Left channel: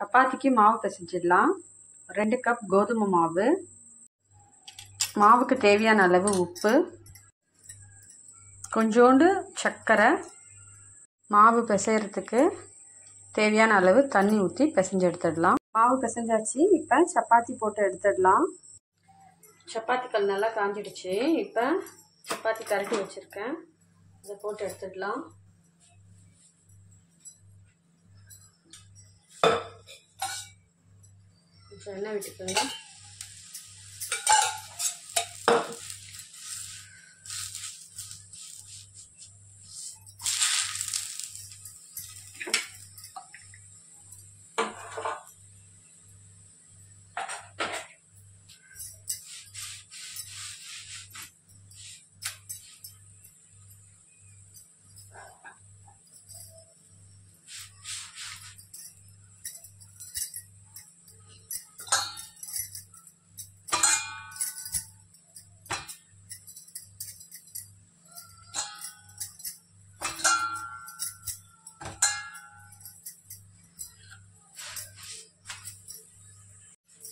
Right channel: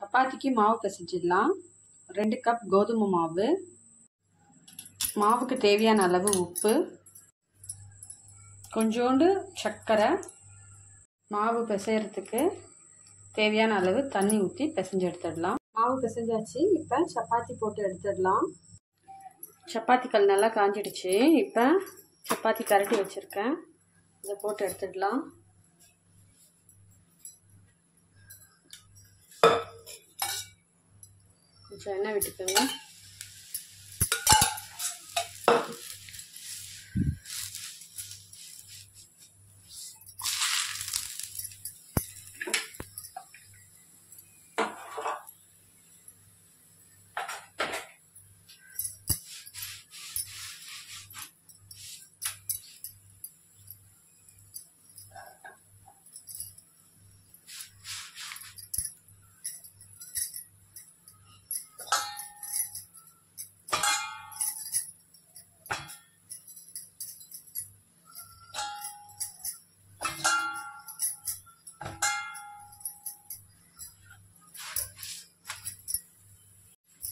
சப்பாத்திக்கு மாவு பிசைஞ்சிடலாம். 2 கப் கோதுமை மாவு, மாவுக்கு தேவையான அளவு உப்பு, கொஞ்சோண்டு சர்க்கரை, மாவு பிசைகிறதுக்கு தேவையான அளவு தண்ணி ஊற்றி பிசைஞ்சு எடுத்துடலாம். மாவு பிசைஞ்சாச்சு. இப்போ சப்பாத்தி போட்டு எடுத்துடலாம். சப்பாத்தி கல் நல்லா காஞ்சிடுச்சு. இப்போ சப்பாத்தி கரண்டி வச்சுருக்கேன், இதை போட்டு எடுத்துடலாம். கொஞ்சம் எண்ணெய் விட்டுக்கோங்க.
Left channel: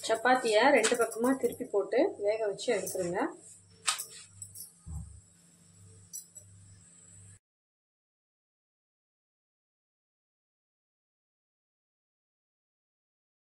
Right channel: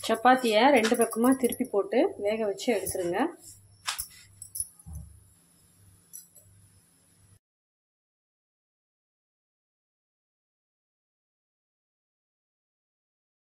சப்பாத்தியை 2 பக்கமாக திருப்பி போட்டு வேக வச்சு எடுத்துருங்க.